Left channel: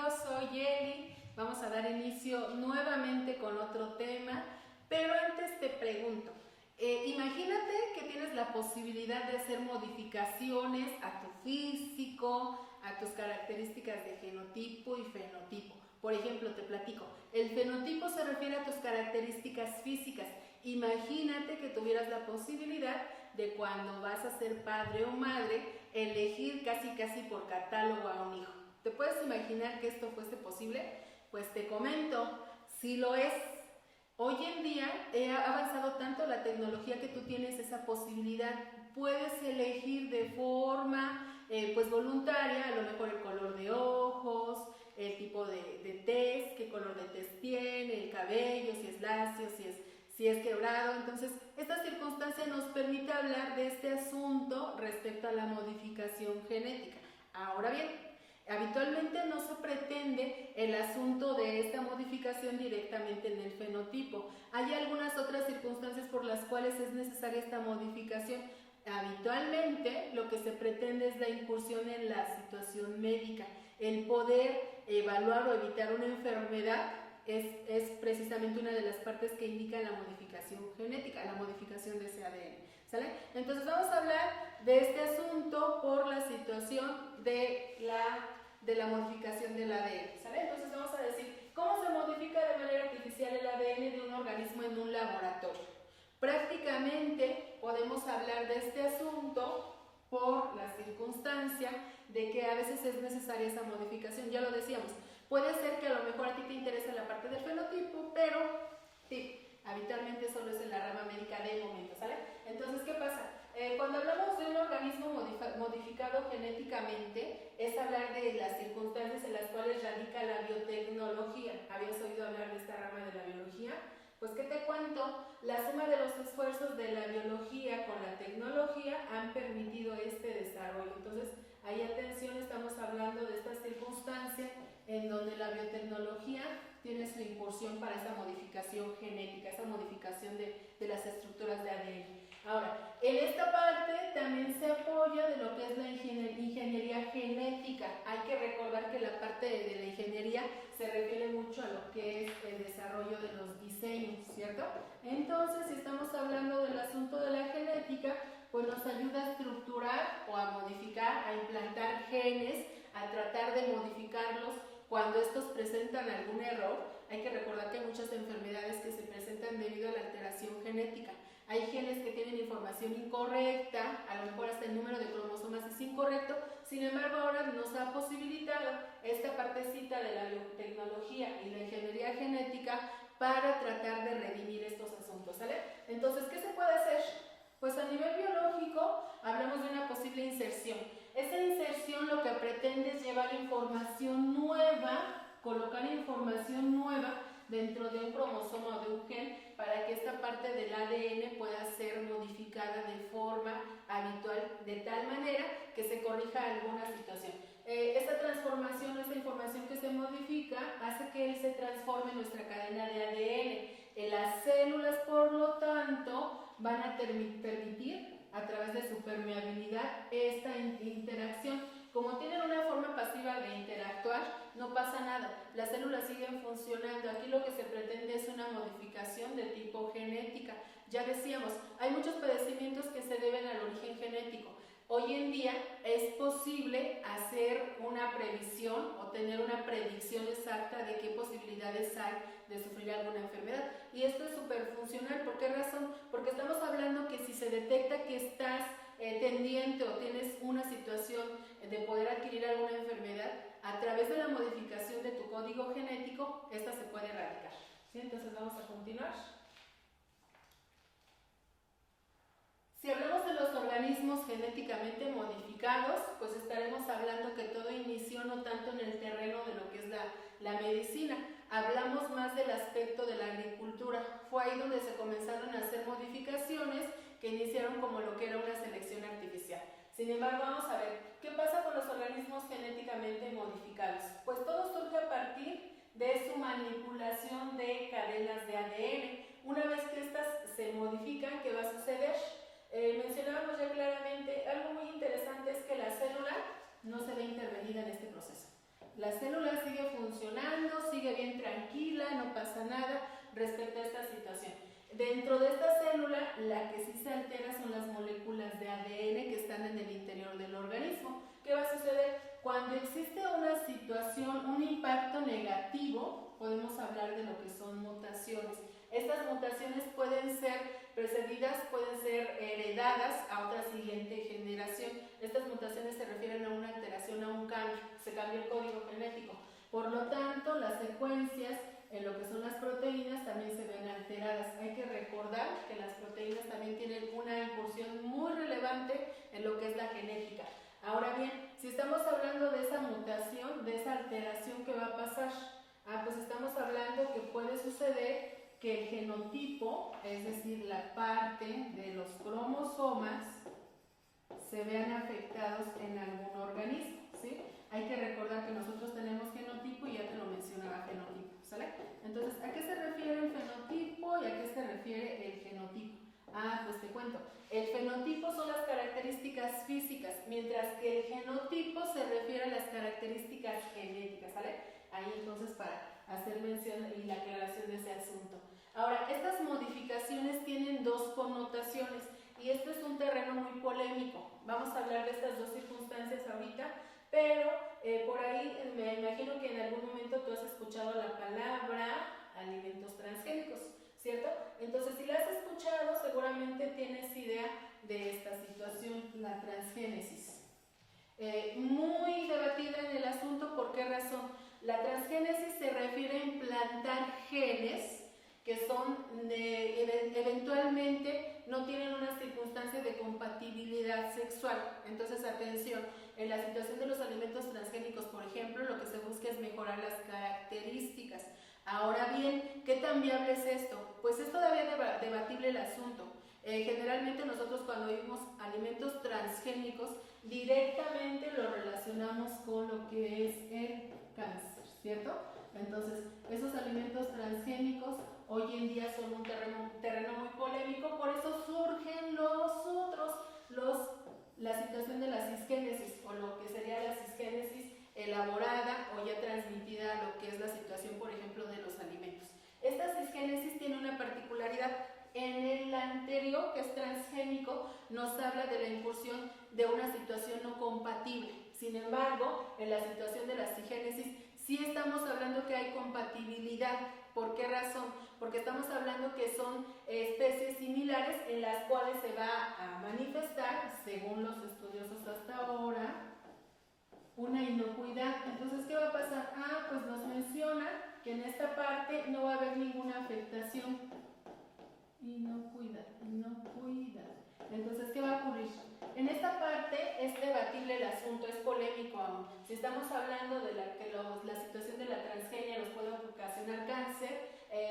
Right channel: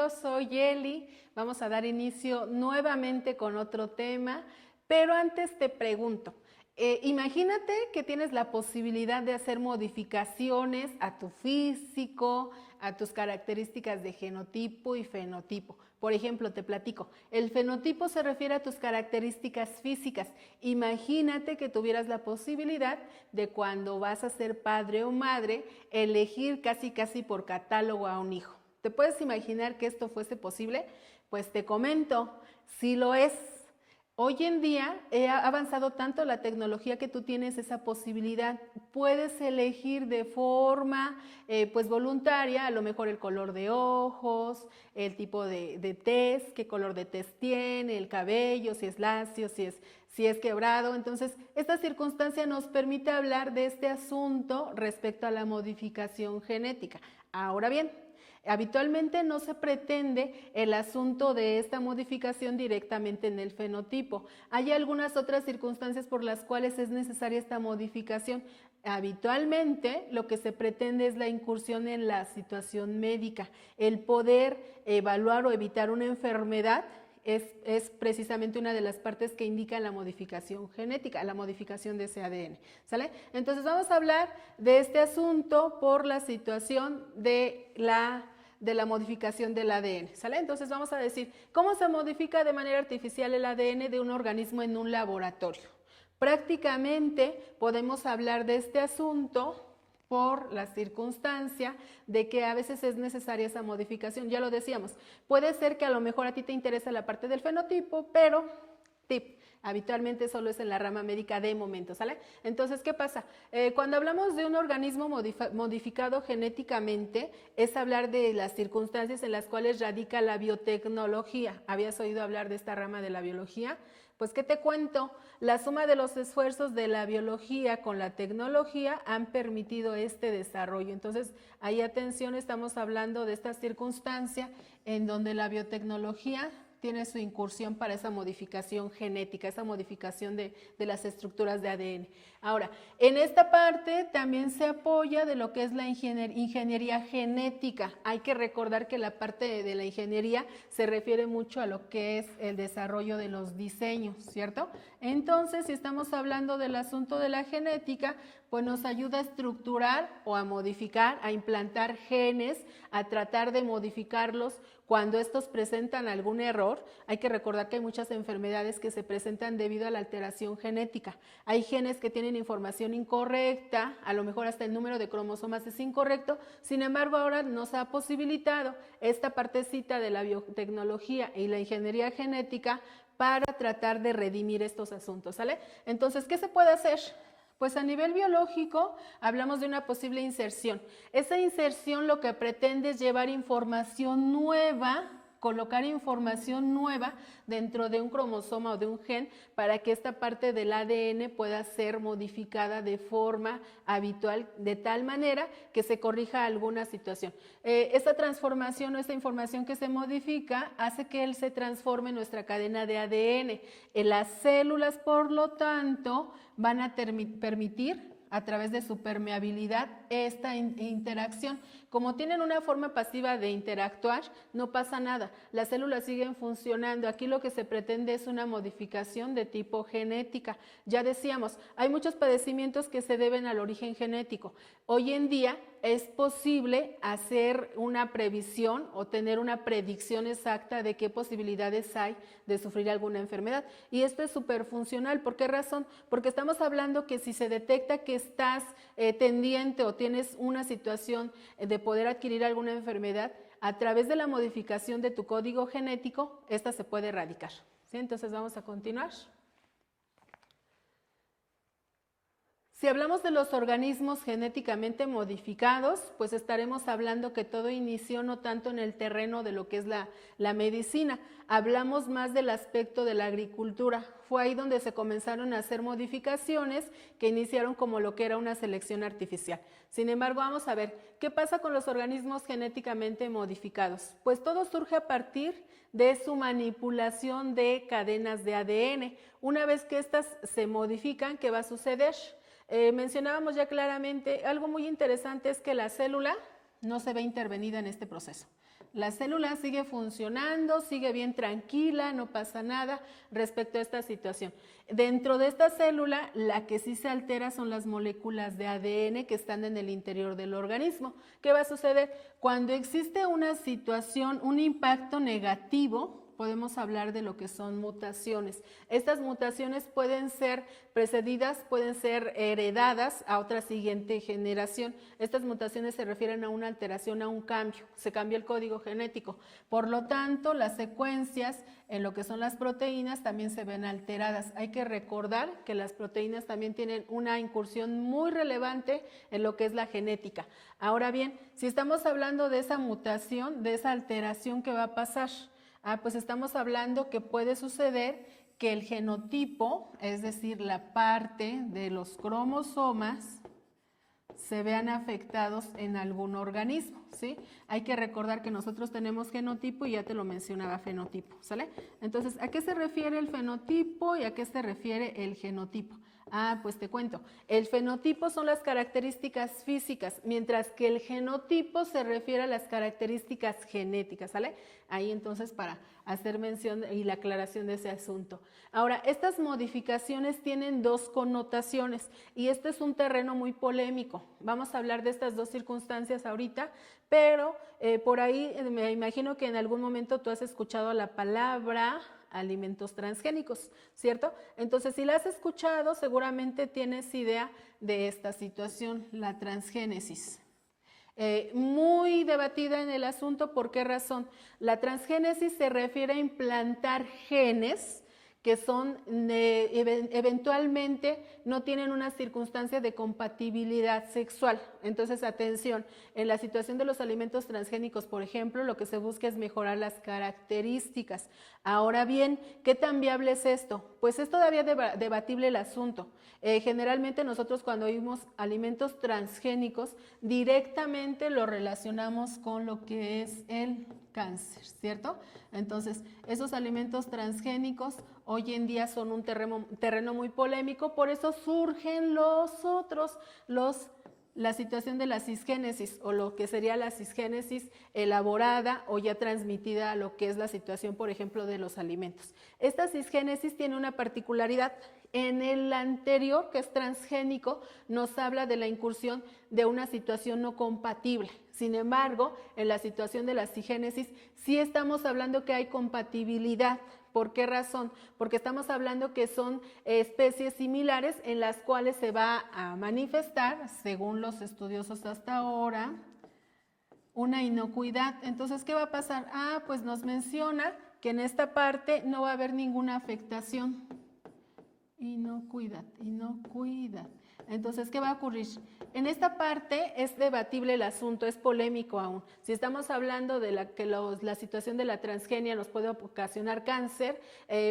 bienvenidos, soy Eli. Vamos a dar inicio nuevamente con otro tema, pero antes te pregunto, imagínate que tienes la posibilidad de hacer modificaciones a tu físico, a tus características de genotipo y fenotipo. Por ejemplo, te platico, el fenotipo se refiere a tus características físicas. Imagínate que tuvieras la posibilidad de cuando vas a ser padre o madre, elegir casi por catálogo a un hijo. ¿Te puedes imaginar que esto fuese posible? Pues te comento, sí lo es. Hoy en día ha avanzado tanto la tecnología que tú tienes esa posibilidad. Puedes elegir de forma pues voluntaria, a lo mejor el color de ojos, el tipo de tez, qué color de tez tiene, el cabello, si es lacio, si es quebrado. Entonces, esta circunstancia nos permite hablar de este asunto respecto a la modificación genética. Ahora bien, habitualmente no se pretende el asunto de esta modificación directamente en el fenotipo. Hay algunas otras circunstancias por las cuales es necesaria esta modificación. Habitualmente lo que se pretende es la incursión en la situación médica, el poder evaluar o evitar una enfermedad. Es precisamente una de las partes que indican la modificación genética, la modificación de ese ADN, ¿sale? Entonces vamos a hablar de este asunto por la situación de la modificación del ADN, ¿sale? Entonces vamos a decir, ¿cómo se modifica de manera artificial el ADN de un organismo en un laboratorio? Prácticamente podemos hablar de este asunto por la circunstancia de que a veces es necesaria esa modificación. Ya lo decíamos, puede ser que a lo mejor a ti te interesa la parte del fenotipo, pero habitualmente solo es en la rama médica de momento, ¿sale? Entonces, ¿qué pasa? Cuando hablamos de un organismo modificado genéticamente, es hablar de las circunstancias en las cuales radica la biotecnología. ¿Habías oído hablar de esta rama de la biología? Pues, ¿qué te cuento? La suma de los esfuerzos de la biología con la tecnología han permitido este desarrollo. Entonces, ahí atención, estamos hablando de esta circunstancia en donde la biotecnología tiene su incursión para esa modificación genética, esa modificación de las estructuras de ADN. Ahora, en esta parte también se apoya de lo que es la ingeniería genética. Hay que recordar que la parte de la ingeniería se refiere mucho a lo que es el desarrollo de los diseños, ¿cierto? Entonces, si estamos hablando del asunto de la genética, pues nos ayuda a estructurar o a modificar, a implantar genes, a tratar de modificarlos. Cuando estos presentan algún error, hay que recordar que hay muchas enfermedades que se presentan debido a la alteración genética. Hay genes que tienen información incorrecta, a lo mejor hasta el número de cromosomas es incorrecto, sin embargo ahora nos ha posibilitado esta partecita de la biotecnología y la ingeniería genética para tratar de redimir estos asuntos, ¿sale? Entonces, ¿qué se puede hacer? Pues a nivel biológico hablamos de una posible inserción. Esa inserción lo que pretende es llevar información nueva, colocar información nueva dentro de un cromosoma o de un gen para que esta parte del ADN pueda ser modificada de forma habitual, de tal manera que se corrija alguna situación. Esta transformación o esta información que se modifica hace que él se transforme en nuestra cadena de ADN. En las células, por lo tanto, van a permitir a través de su permeabilidad esta interacción. Como tienen una forma pasiva de interactuar, no pasa nada, las células siguen funcionando. Aquí lo que se pretende es una modificación de tipo genética. Ya decíamos, hay muchos padecimientos que se deben al origen genético. Hoy en día es posible hacer una previsión o tener una predicción exacta de qué posibilidades hay de sufrir alguna enfermedad. Y esto es súper funcional. ¿Por qué razón? Porque estamos hablando que si se detecta que estás tendiente o tienes una situación de poder adquirir alguna enfermedad, a través de la modificación de tu código genético, esta se puede erradicar. ¿Sí? Entonces vamos a continuar. Si hablamos de los organismos genéticamente modificados, pues estaremos hablando que todo inició no tanto en el terreno de lo que es la medicina, hablamos más del aspecto de la agricultura. Fue ahí donde se comenzaron a hacer modificaciones que iniciaron como lo que era una selección artificial. Sin embargo, vamos a ver, ¿qué pasa con los organismos genéticamente modificados? Pues todo surge a partir de su manipulación de cadenas de ADN. Una vez que estas se modifican, ¿qué va a suceder? Mencionábamos ya claramente, algo muy interesante es que la célula no se ve intervenida en este proceso. La célula sigue funcionando, sigue bien tranquila, no pasa nada respecto a esta situación. Dentro de esta célula, la que sí se altera son las moléculas de ADN que están en el interior del organismo. ¿Qué va a suceder? Cuando existe una situación, un impacto negativo, podemos hablar de lo que son mutaciones. Estas mutaciones pueden ser precedidas, pueden ser heredadas a otra siguiente generación. Estas mutaciones se refieren a una alteración, a un cambio. Se cambia el código genético. Por lo tanto, las secuencias en lo que son las proteínas también se ven alteradas. Hay que recordar que las proteínas también tienen una incursión muy relevante en lo que es la genética. Ahora bien, si estamos hablando de esa mutación, de esa alteración que va a pasar, pues estamos hablando que puede suceder que el genotipo, es decir, la parte de los cromosomas, se vean afectados en algún organismo, ¿sí? Hay que recordar que nosotros tenemos genotipo y ya te lo mencionaba fenotipo, ¿sale? Entonces, ¿a qué se refiere el fenotipo y a qué se refiere el genotipo? Pues te cuento. El fenotipo son las características físicas, mientras que el genotipo se refiere a las características genéticas, ¿sale? Ahí entonces para hacer mención y la aclaración de ese asunto. Ahora, estas modificaciones tienen dos connotaciones y este es un terreno muy polémico. Vamos a hablar de estas dos circunstancias ahorita, pero por ahí me imagino que en algún momento tú has escuchado la palabra alimentos transgénicos, ¿cierto? Entonces, si la has escuchado, seguramente tienes idea de esta situación, la transgénesis. Muy debatida en el asunto, ¿por qué razón? La transgénesis se refiere a implantar genes que son eventualmente no tienen una circunstancia de compatibilidad sexual. Entonces, atención, en la situación de los alimentos transgénicos, por ejemplo, lo que se busca es mejorar las características. Ahora bien, ¿qué tan viable es esto? Pues es todavía debatible el asunto. Generalmente nosotros cuando oímos alimentos transgénicos, directamente lo relacionamos con lo que es el cáncer, ¿cierto? Entonces, esos alimentos transgénicos hoy en día son un terreno muy polémico, por eso surgen la situación de la cisgénesis o lo que sería la cisgénesis elaborada o ya transmitida a lo que es la situación, por ejemplo, de los alimentos. Esta cisgénesis tiene una particularidad. En el anterior, que es transgénico, nos habla de la incursión de una situación no compatible. Sin embargo, en la situación de la cisgénesis sí estamos hablando que hay compatibilidad. ¿Por qué razón? Porque estamos hablando que son especies similares en las cuales se va a manifestar, según los estudiosos hasta ahora, una inocuidad. Entonces, ¿qué va a pasar? Pues nos menciona que en esta parte no va a haber ninguna afectación. Inocuidad. Entonces, ¿qué va a ocurrir? En esta parte es debatible el asunto, es polémico aún. Si estamos hablando de la situación de la transgenia nos puede ocasionar cáncer,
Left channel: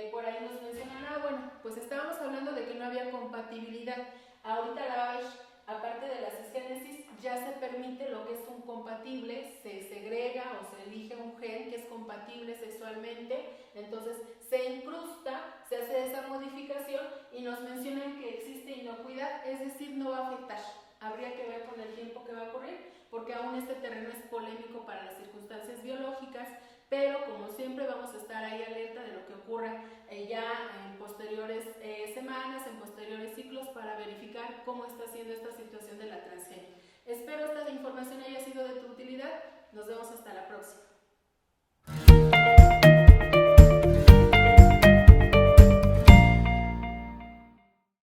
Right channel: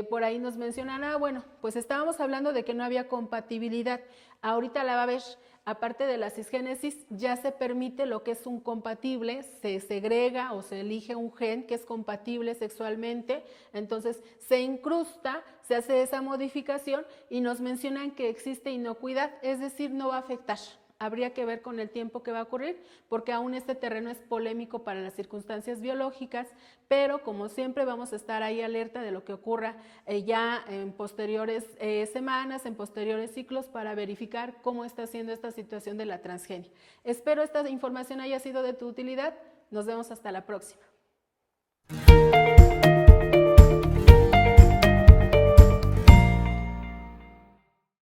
por ahí nos mencionan, bueno, pues estábamos hablando de que no había compatibilidad. Ahorita la va a ver, aparte de la cisgénesis, ya se permite lo que es un compatible, se segrega o se elige un gen que es compatible sexualmente, entonces se incrusta, se hace esa modificación y nos mencionan que existe inocuidad, es decir, no va a afectar. Habría que ver con el tiempo que va a ocurrir, porque aún este terreno es polémico para las circunstancias biológicas, pero como siempre vamos a estar ahí alerta de lo que ocurra ya en posteriores semanas, en posteriores ciclos, para verificar cómo está siendo esta situación de la transgenia. Espero esta información haya sido de tu utilidad. Nos vemos hasta la próxima.